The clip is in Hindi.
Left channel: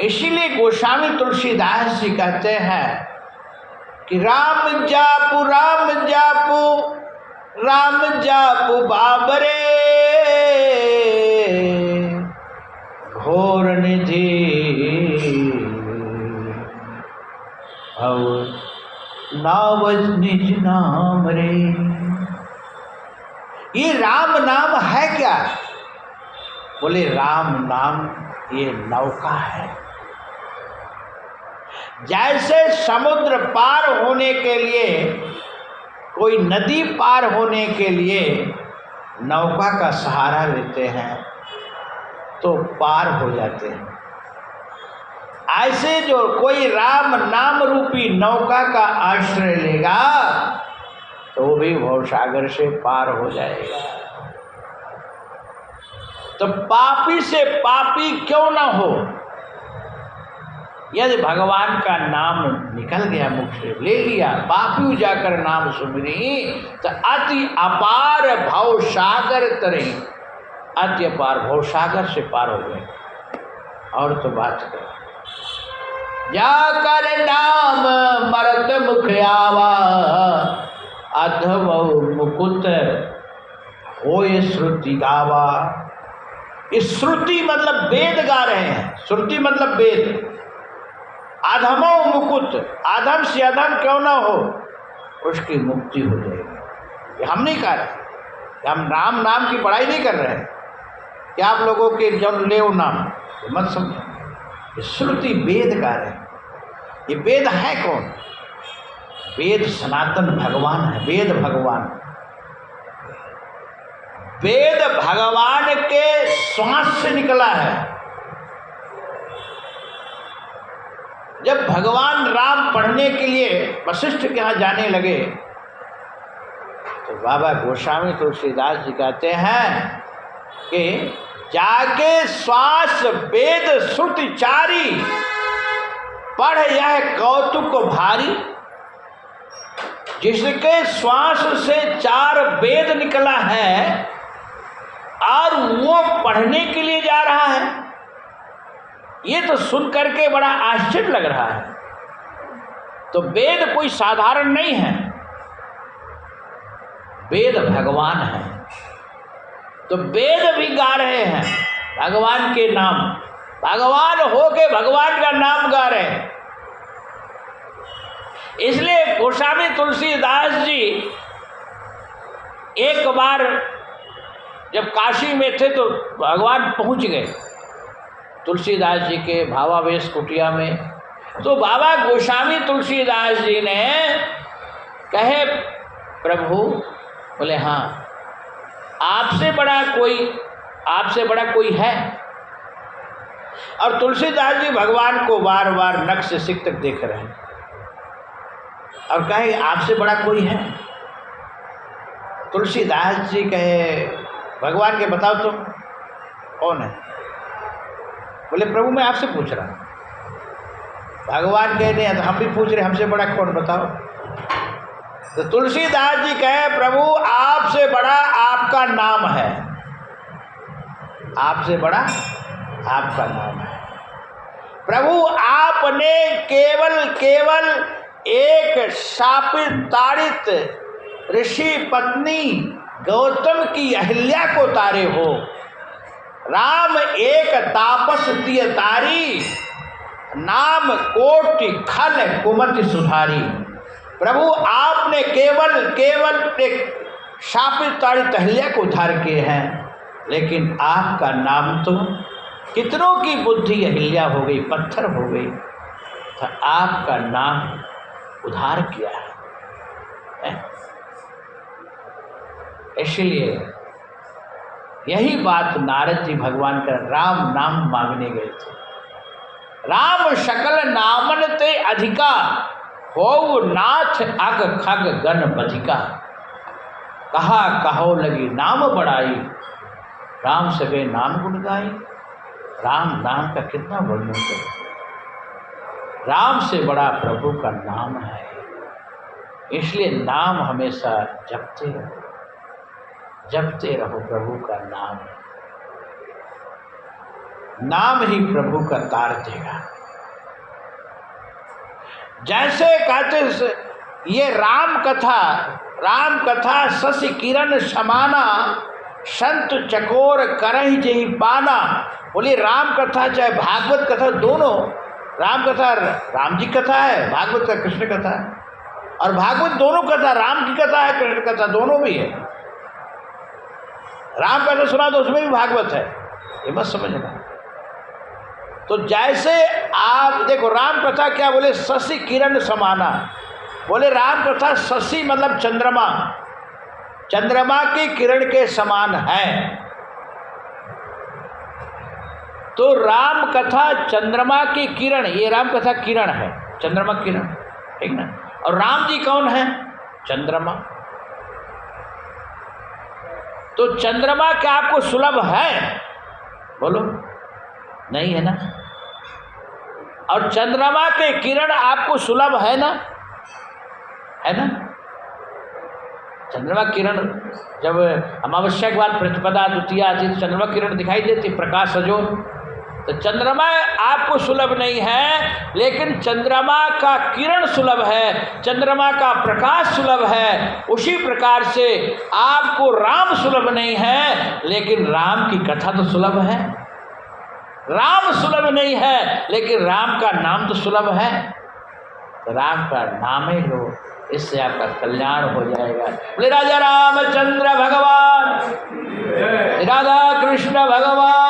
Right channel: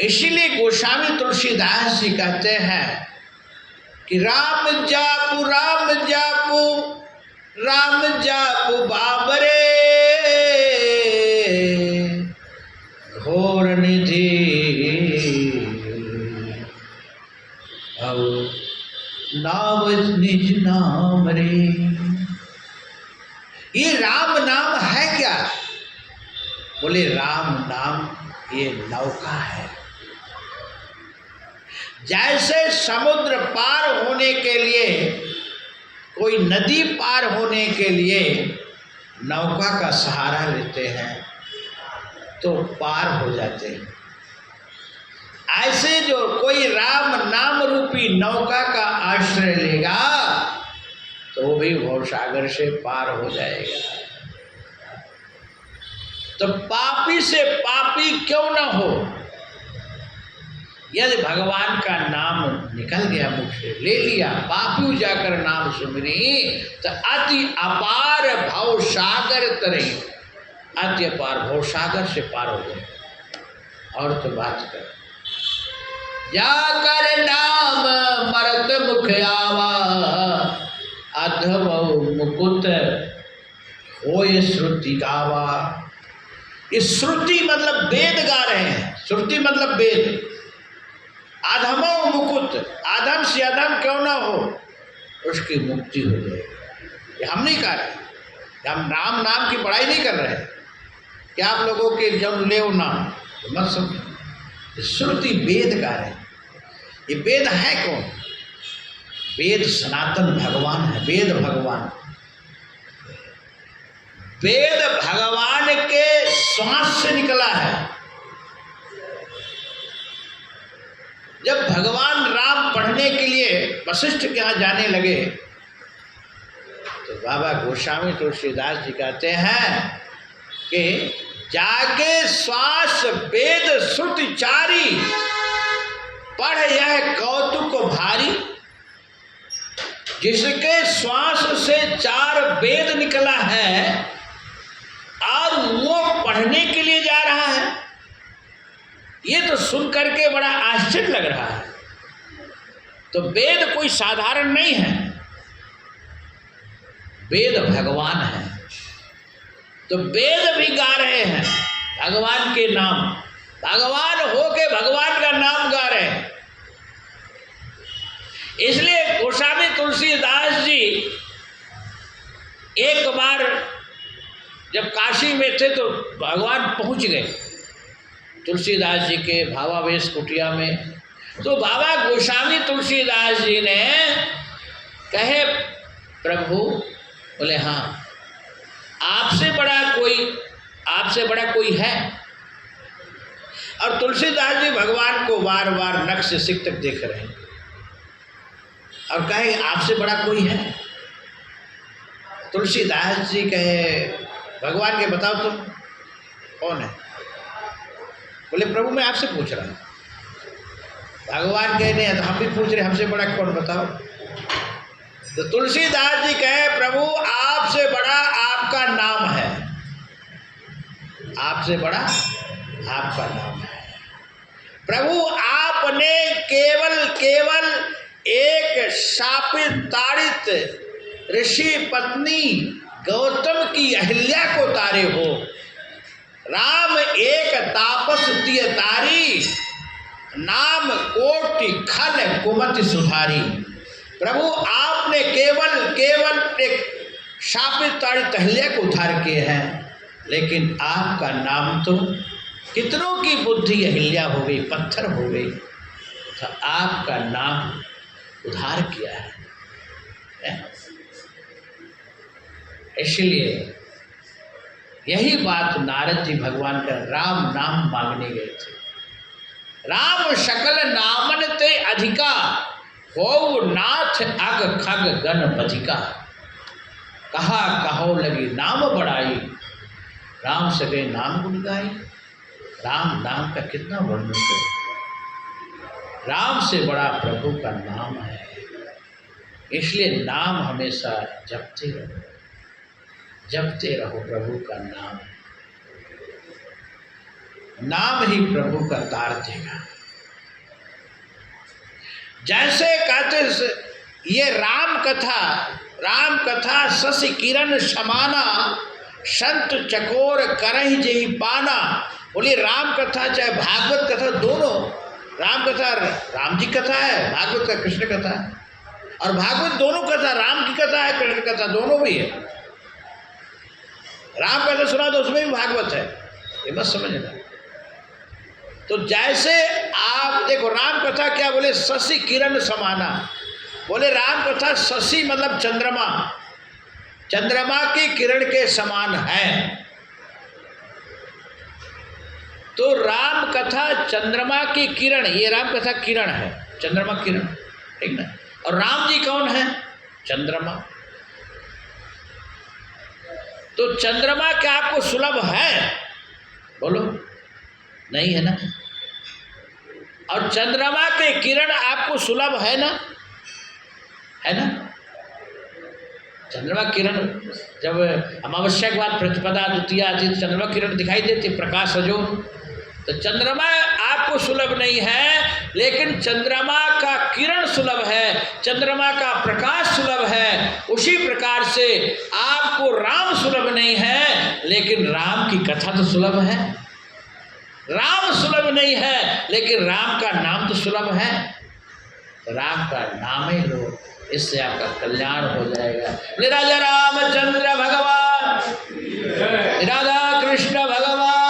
इसीलिए गोस्वामी तुलसीदास जी कहते हैं कि राम जापू बाबरे घोर निधि और नाव निज नाम रे। ये राम नाम है क्या? बोले राम नाम ये नौका है। जैसे समुद्र पार होने के लिए, कोई नदी पार होने के लिए नौका का सहारा लेते हैं तो पार हो जाते हैं, ऐसे जो कोई राम नाम रूपी नौका का आश्रय लेगा तो वो भी भवसागर से पार हो जाएगा। तो पापी से पापी क्यों ना हो, यदि भगवान का नाम निकल गया मुख से, ले लिया, पापी जाकर नाम सुमरी तो अति अपार भवसागर तरे, अति अपार भवसागर से पार हो गए। और तो बात कर, जाकर नाम मरत मुख आवा, अधवौ मुकुट होय श्रुति गावा। इस श्रुति मतलब वेद गा रहे हैं, श्रुति मतलब वेद। अधमो मुकुट, अधम से अधम क्यों ना हो उसकी मुक्ति हो जाएगी। ये हम नहीं कह रहे, हम राम नाम की पढ़ाई नहीं कर रहे हैं कि आप लोगों के जब ले नाम मत समझो। श्रुति वेद गा रहे हैं। ये वेद है कौन? वेद सनातन भगवान है, वेद भगवान। वेद भगवान के श्वास से निकला है। जब भगवान राम पढ़ने के लिए वशिष्ठ के यहाँ जाने लगे तो बाबा गोस्वामी तुलसीदास जी कहते हैं कि जाके श्वास वेद श्रुति चारी, पढ़ यह कौतुक भारी। जिसके श्वास से 4 वेद निकला है और वो पढ़ने के लिए जा रहा है, ये तो सुन करके बड़ा आश्चर्य लग रहा है। तो वेद कोई साधारण नहीं है, वेद भगवान है। तो वेद भी गा रहे हैं भगवान के नाम, भगवान हो के भगवान का नाम गा रहे हैं। इसलिए गोस्वामी तुलसीदास जी एक बार जब काशी में थे तो भगवान पहुंच गए तुलसीदास जी के भावावेश कुटिया में। तो बाबा गोस्वामी तुलसीदास जी ने कहे, प्रभु, बोले हाँ, आपसे बड़ा कोई है? और तुलसीदास जी भगवान को बार बार नख से सिक तक देख रहे हैं और कहे आपसे बड़ा कोई है? तुलसीदास जी कहे भगवान के, बताओ तुम कौन है? बोले प्रभु मैं आपसे पूछ रहा हूँ। भगवान कहे नहीं, तो हम भी पूछ रहे, हमसे बड़ा कौन, बताओ। तो तुलसीदास जी कहे प्रभु आपसे बड़ा आपका नाम है, आपसे बड़ा आपका नाम है। प्रभु आपने केवल एक शापित ताड़ित ऋषि पत्नी गौतम की अहिल्या को तारे हो। राम एक तापस दिय तारी, नाम कोटि खल कुमति सुधारी। प्रभु आपने केवल एक शापित ताड़ित अहिल्या को उद्धार किए हैं, लेकिन आपका नाम तो कितनों की बुद्धि अहिल्या हो गई, पत्थर हो गई, तो आपका नाम उद्धार किया है। इसलिए यही बात नारद जी भगवान का राम नाम मांगने गए थे। राम सकल नामन ते अधिका, हो नाथ अग खग गण बधिका। कहा कहो लगी नाम बढ़ाई, राम सगे नाम गुण गाई। राम नाम का कितना वर्णन करें। राम से बड़ा प्रभु का नाम है, इसलिए नाम हमेशा जपते रहो प्रभु का नाम। नाम ही प्रभु का तार देगा। जैसे कहते ये राम कथा शशि किरण समाना, संत चकोर करहि जेहि पाना। बोलिए राम कथा चाहे भागवत कथा, दोनों, राम कथा राम जी कथा है, भागवत का कृष्ण कथा है, और भागवत दोनों कथा, राम की कथा है, कृष्ण कथा, दोनों भी है। राम कथा सुना तो उसमें भी भागवत है, ये मत समझना। तो जैसे आप देखो राम कथा क्या बोले, शशि किरण समाना, बोले राम कथा शशि मतलब चंद्रमा, चंद्रमा की किरण के समान है। तो राम कथा चंद्रमा की किरण, ये राम कथा किरण है, चंद्रमा किरण, ठीक ना। और राम जी कौन है? चंद्रमा। तो चंद्रमा क्या आपको सुलभ है? बोलो, नहीं है ना। और चंद्रमा के किरण आपको सुलभ है ना, है ना। चंद्रमा किरण जब अमावस्या के बाद प्रतिपदा द्वितीया आदि चंद्रमा किरण दिखाई देती, प्रकाश सजोर, तो चंद्रमा आपको सुलभ नहीं है, लेकिन चंद्रमा का किरण सुलभ है, चंद्रमा का प्रकाश सुलभ है। उसी प्रकार से आपको राम सुलभ नहीं है, लेकिन राम की कथा तो सुलभ है। राम सुलभ नहीं है, लेकिन राम का नाम तो सुलभ है। तो राम का नाम ही लो, इससे आपका कल्याण हो जाएगा। बोले राजा रामचंद्र भगवान, राधा कृष्ण भगवान